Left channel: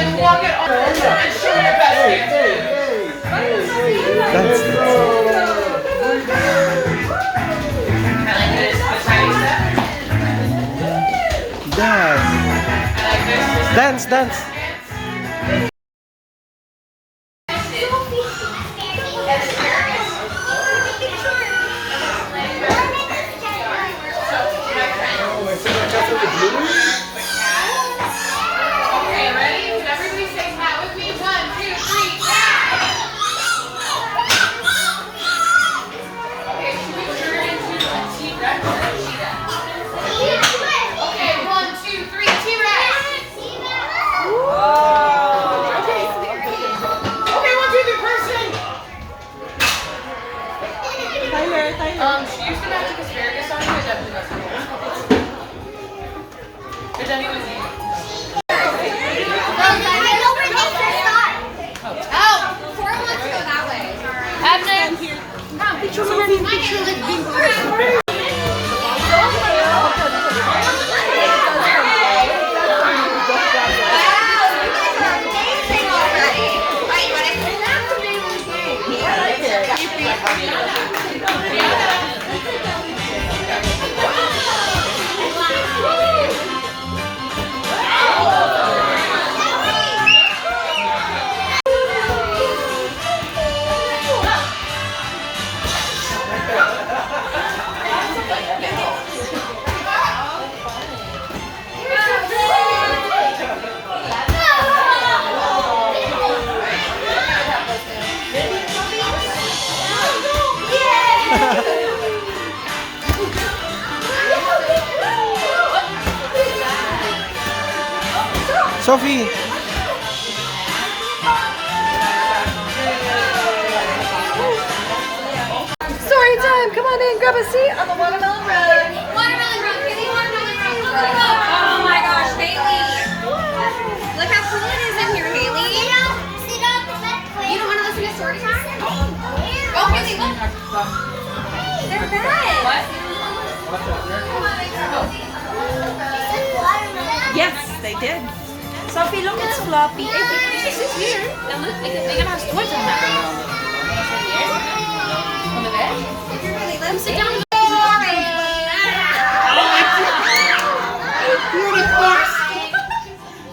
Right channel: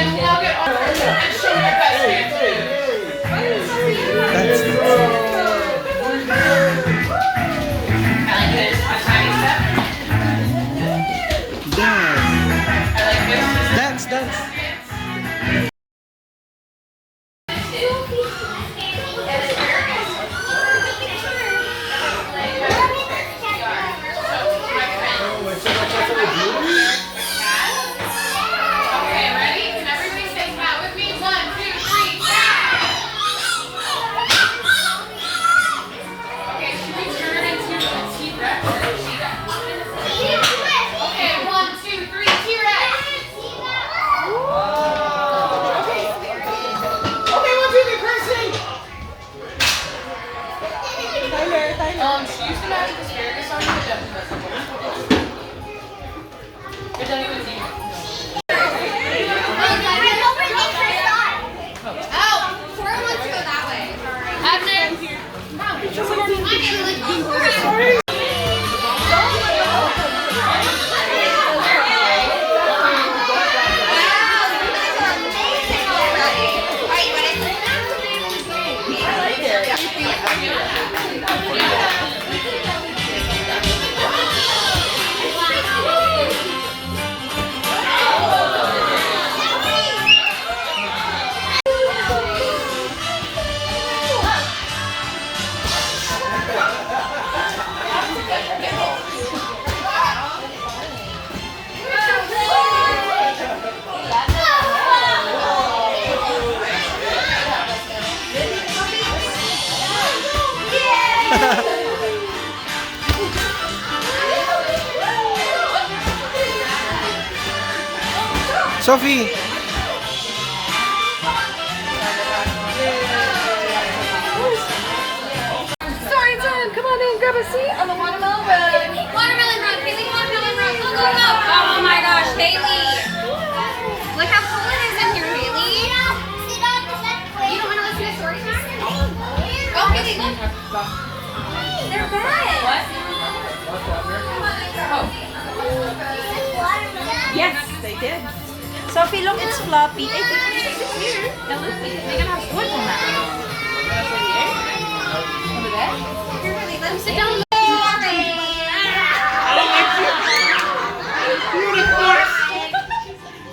and walk it over and show your best dance. Dance. I like this. A tiny step. Dance. I like this. Dance, dance. She used to match with asparagus on you, it definitely doesn't. It doesn't even see. Oh, Cora wants to go that way. Abner, Sophie. story time. Come on in, grab a seat on the watermelon run. Watermelon run, Haley, watermelon run. Go, go, go. Oh my gosh, Haley. Look how cool it is in here, Haley. You don't want to listen to Storytime? Oh, Haley, look. They're bad. What? Yes, they did. Sophie, look, it's floppy. Hey, this is here. And look, they're gonna have sports on that. On the bed? You're ready. Let them sit down.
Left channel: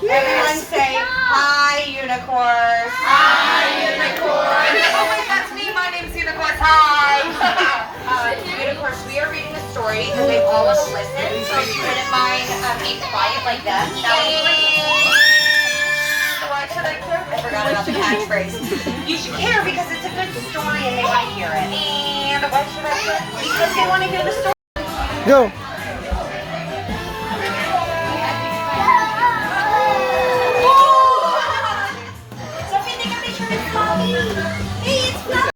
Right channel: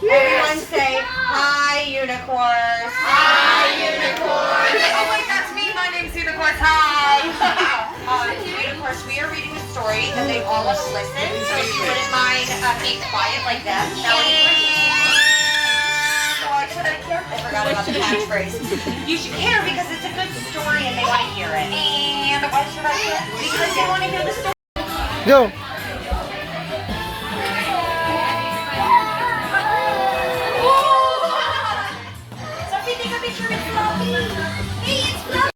Everyone say, hi, unicorn. Hi, unicorn. Oh, wait, that's me. My name's Unicorn. Hi. Unicorns, we are reading a story, and they all want to listen. So if you wouldn't mind being quiet like them. Why should I care? I forgot about the catchphrase. You should care because it's a good story and they want to hear it. And why should I care? Because they want to hear the story. Go. Sophie, take a picture with Floppy. Hey, it's Floppy.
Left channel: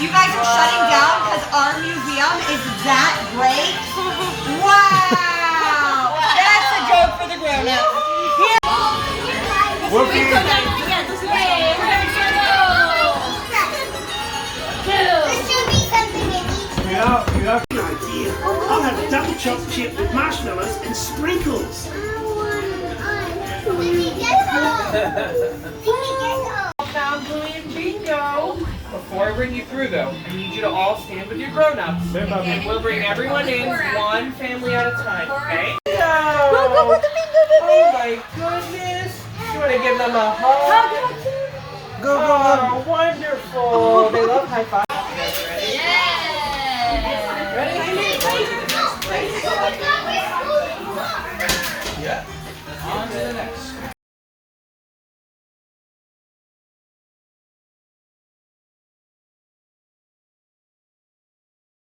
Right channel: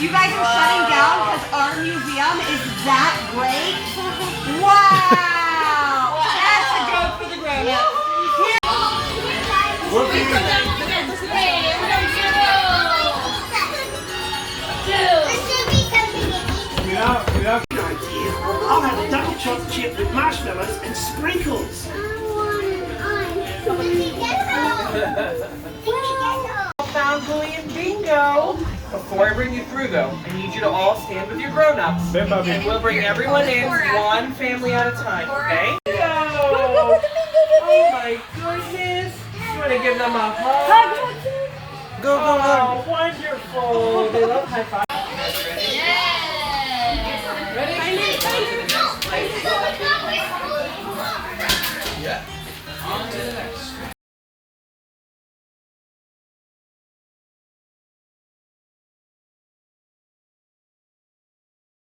You guys are shutting down because our museum is that great? Wow! That's a joke for the grown-ups. I'll have a double chocolate chip with marshmallows and sprinkles. Found Bluey and Bingo. Before I bring you through though, I need you to all stand with your grown-ups. And we'll bring everyone in one family at a time, okay? Bingo! Oh my goodness. You want to give them a hug? Go, go, go. Oh, wonderful. They love high five.